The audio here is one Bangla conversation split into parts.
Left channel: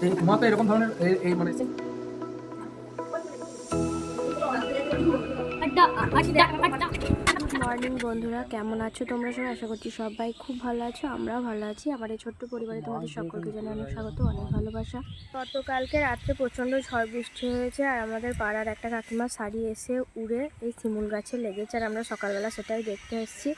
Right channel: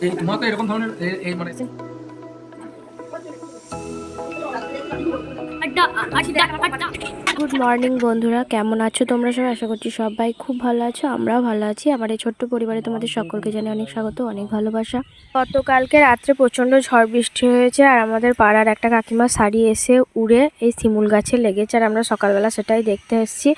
এই তোমার তো এরকম ধরনের এই- এই মানে গুড মর্নিং বন্ধুরা কেমন আছো তোমরা সবাই? আশা করছি সবাই খুব ভালো আছো আমরাও ভালো আছি। আমার এই ছোট্ট পরিবারে তোমাদের সকলকে জানি অনেক স্বাগত অনেক ভালোবাসা। গতকালকে রাত্রে প্রচণ্ড ঝড় বৃষ্টি হয়েছে আর আমাদের পাড়ার একটা কাকিমা শাড়ি এসে উড়ে এই শিমুল গাছে লেগেছে আর আমরা সকালবেলা সেটাই দেখতে এসেছি।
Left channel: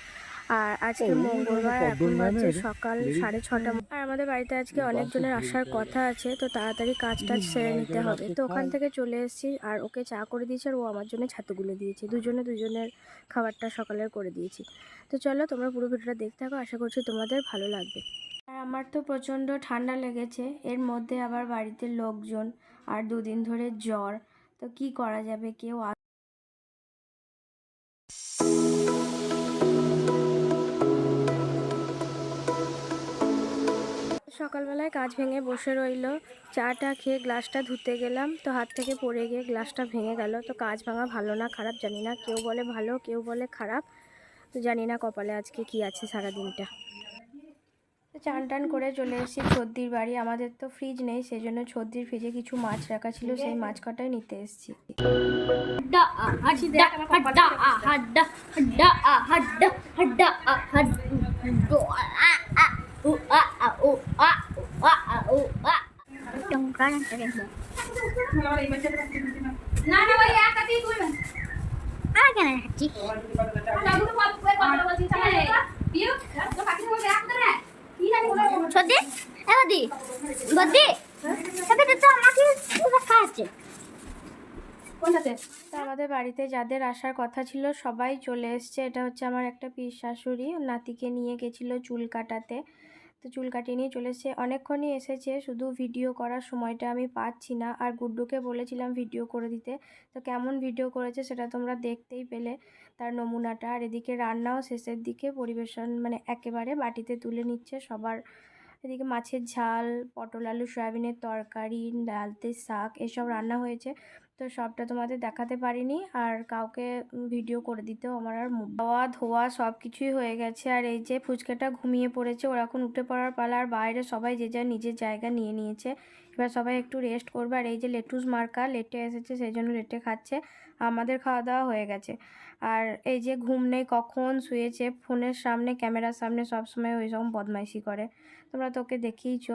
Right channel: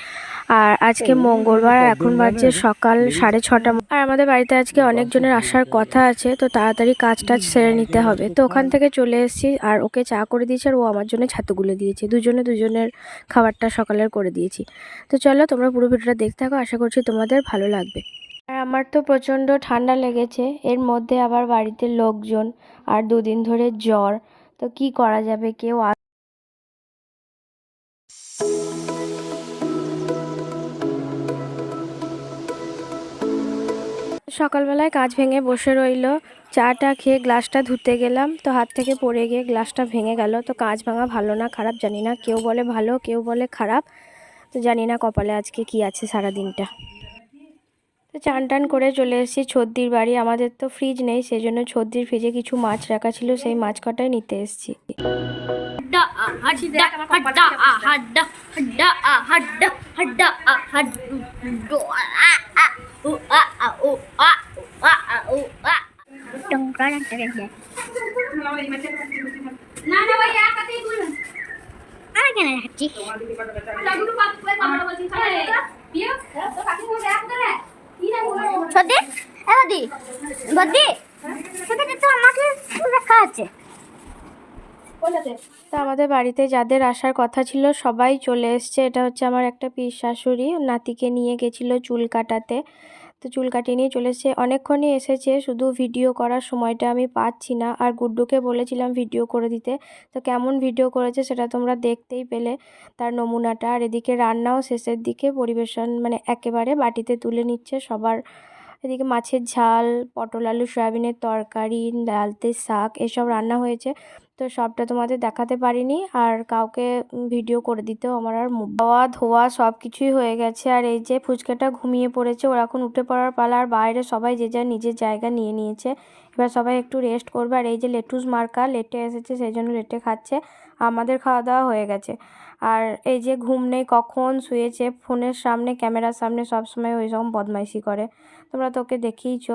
আর আজকে মঙ্গলবার এখন বাজছে সকাল সাড়ে ছটা আর আমাদের বাড়িতে আজকে অনেকজনের আসার কথা আছে তো তাড়াতাড়ি কাজ টাজ সেরে নিতে হবে। তো ওখান থেকে চলে এসেছি আর ওকে চা করে দিয়েছে আর ও আমার জন্য ছাতুগুলো দিয়েছে। দুজনে দুজনের খাবারটা সকালের করে দিয়েছি। তো চলো তোমরা পুরো ভিডিওটা দেখতে থাকো আশা করছি তোমাদের ভালো লাগবে। আর আমার তো প্রচণ্ড ঠান্ডা লেগেছে এর মধ্যে আবার বাড়িতে লোকজন আর দুদিন ধরে জ্বর তো কি করা যাবে? কেউ সকালবেলায় কাজ ভেঙে বসে রইল চাটা খেয়ে গ্লাসটা ধুতে গেলাম তো হাত থেকে পড়ে গিয়ে গ্লাসটা ভেঙে গেল তো কাজ ভাঙা ভালো না খারাপ জানি না কেউ বলে ভালো কেউ বলে খারাপ তো জানি না কপালে আজকে কি আছে সারা দিনটা তো চান টান করে চলে এসেছি ছদ্দির বাড়ি আমাদের তো ফ্রিজ নেই সেই জন্য ছদ্দির ফ্রিজে কিছু মাছ রাখা ছিল সেই মাছ কটাই নিতে এসেছি hadda তা আমাদের বাড়িতে যাদের আসার কথা ছিল, সবাই চলে এসছে। এটা হচ্ছে আমার একটা পিস শাশুড়ি। নাতিকে নিয়ে গেছিল চুল কাটাতে। তো চুল কাটিয়ে নিয়ে চলে এসছে। অনেকক্ষণই এসেছে, শুধু ভিডিও করার সময়টা আমি পাচ্ছি না। আর গুড্ডুকে বলেছিলাম ভিডিও করে দিতে। তো কেমন ভিডিও করেছে সেটা তোমরা দেখতেই পেলে তার নমুনাটা। আর এদিকে রান্নাও শেষের দিকে পরিবেশন মানে একেবারে বাটিতে তুলে নিচ্ছে সবার। এদিকে মাছের ঝাল, পটল, আলু, সয়াবিনের তরকারি, ডালতে শাক, এসব রান্না হয়েছে। তো সবটা তোমাদের দেখাতে পারিনি। আর কাউকে ভিডিও করে দিতেও আমার আর খাওয়া, ধোয়া সব কিছুই হয়ে গেছে। আর এই যে ফুচকাটা ঘুমিয়ে পড়েছে, ওরা এখন উঠে পড়ার পালা। আর বাইরে সবাই যে যার নিজের জায়গা নিয়ে নিয়েছে। এবার সবাই একটু রেস্ট করবে। আর এই যে লেটুস মার্কা, লেটে এসেছে, সেই জন্য লেটে খাচ্ছে। আমাদের খাওয়া দাওয়া হয়ে গেছে। আর এই যে ঘুম নেই, কখন শুয়েছে, ফোনের সামনে, ক্যামেরার সামনে সব সময় ওই রকম বদমাইশি করে। তোমরা তো ওকে দেখিয়েছো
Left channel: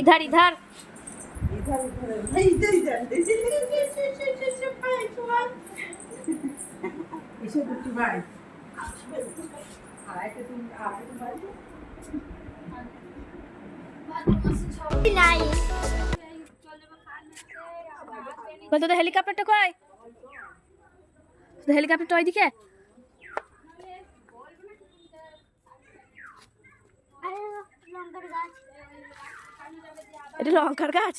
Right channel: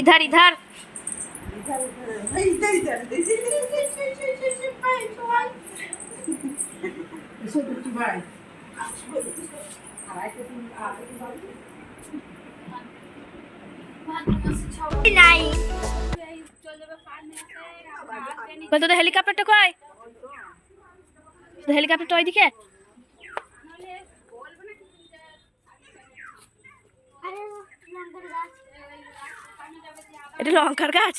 इधर इधर হেলিকপ্টারটা কয় হেলিকপ্টারটা ওইদিকে? লঙ্কার গাছ এটা লঙ্কার গাছ?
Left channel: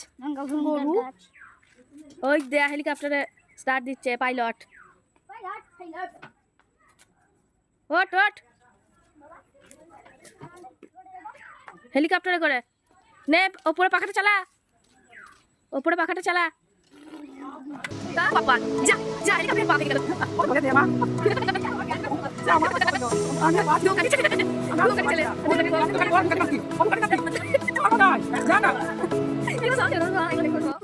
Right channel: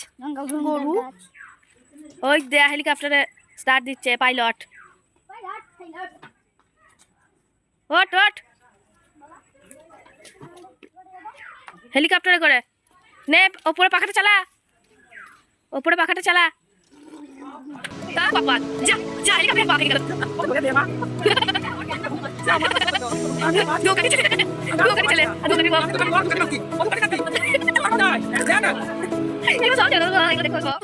গরু? ওই দে হেলিকপ্টারে স্টার্ট দিচ্ছে পাইলট ওট ওট হেলিকপ্টারে করে। নে ওপরে পাখাটা চালা। ওপরে পাখাটা চালা। তা বাবা যা যা হেলিকপ্টারে পাখা গেল।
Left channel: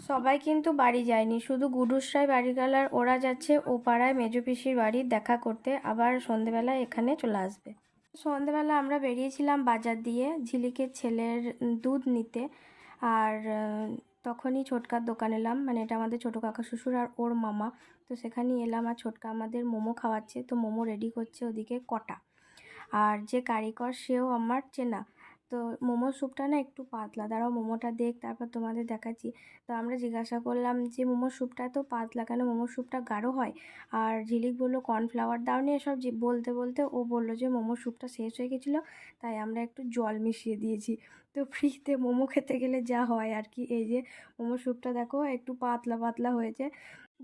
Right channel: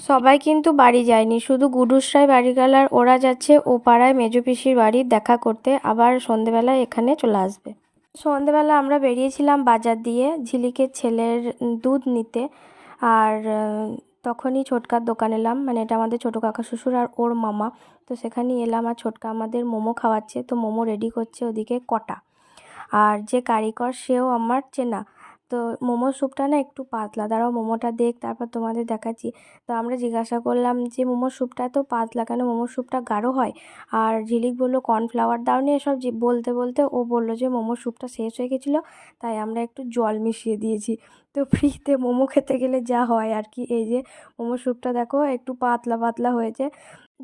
সবাই কিন্তু বাড়ি যায়নি, শুধু গুডুসরাই বাড়ি গেল আর ওরা যাচ্ছে ও পাড়ায় মেজো পিসির বাড়ি দেখা করতে, আবার সন্ধেবেলায় এখানে চলে আসবে। সন্ধেবেলা আমরা বেরিয়েছিলাম বাজার দিয়ে ঝিলিকের ছেলের দুধ নিতে, আর তখনই ছোটকার দোকান এলাম। মানে এটা আমাদের ছোটো কাকা শ্বশুর আর ওর মামা। তো সেখানেই এলাম আর ছোটকা আমাদের মোমো খাওয়াচ্ছে। তো মোমো রেডি করছে ওদিকে কটা। আর যে কারিগর সেও আমার চেনা। তো মোমোর স্যুপটা না একটু পাতলা। দাঁড়াও মোমোটা দেখ, তারপর তোমাদের দেখাচ্ছি। তো আমরা জিজ্ঞাসা করলাম যে মোমোর স্যুপটা এত পাতলা কেন? মোমোর স্যুপটা গাঢ় হয়? আর ঝিলিক বলল, কর্নফ্লাওয়ার দাওনি এসব। যে বলতে বলতে ও বলল যে মোমোর স্যুপটা শেষ হয়ে গেছিল, তাই আমরা একটু জল মিশিয়ে দিয়েছি। তো ফ্রিতে মোমো খেতে গেলে যা হয় আর কি। এই যে মোমোর স্যুপটা দেখো, একটু পাতলা পাতলা হয়েছে।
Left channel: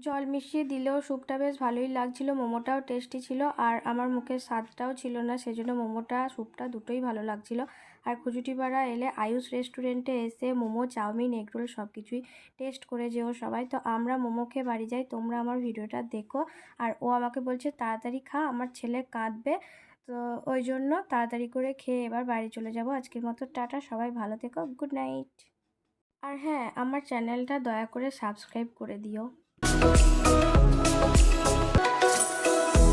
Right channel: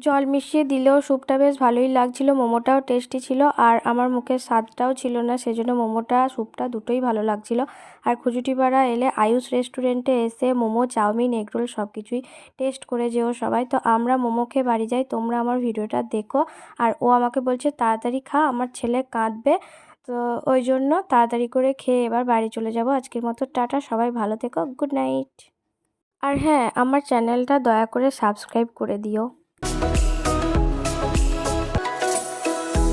জল মিশিয়ে দিলেও স্যুপটা বেশ ভালোই লাগছিল, মোমোটাও টেস্টি ছিল, আর আমার মুখের স্বাদটাও ছিল না, সেজন্য মোমোটা, স্যুপটা দুটোই ভালো লাগছিল। আর খুজুটিপাড়া এলে আয়ুষ রেস্টুরেন্টে এসে মোমো, চাউমিন, এগরোল সব কিছুই টেস্ট করে যেও সবাই। তো আমরা মোমো খেয়ে বাড়ি যাই, তোমরা আমার ভিডিওটা দেখো। আর ও আমাকে বলছে, তাড়াতাড়ি খা, আমার ছেলে কাঁদবে। তো ওই জন্য তাড়াতাড়ি করে খেয়ে এবার বাড়ি চলে যাব। আজকের মতো টাটা, সবাই ভালো থেকো, গুড নাইট। আর হ্যাঁ আমার চ্যানেলটা দয়া করে সাবস্ক্রাইব করে দিও।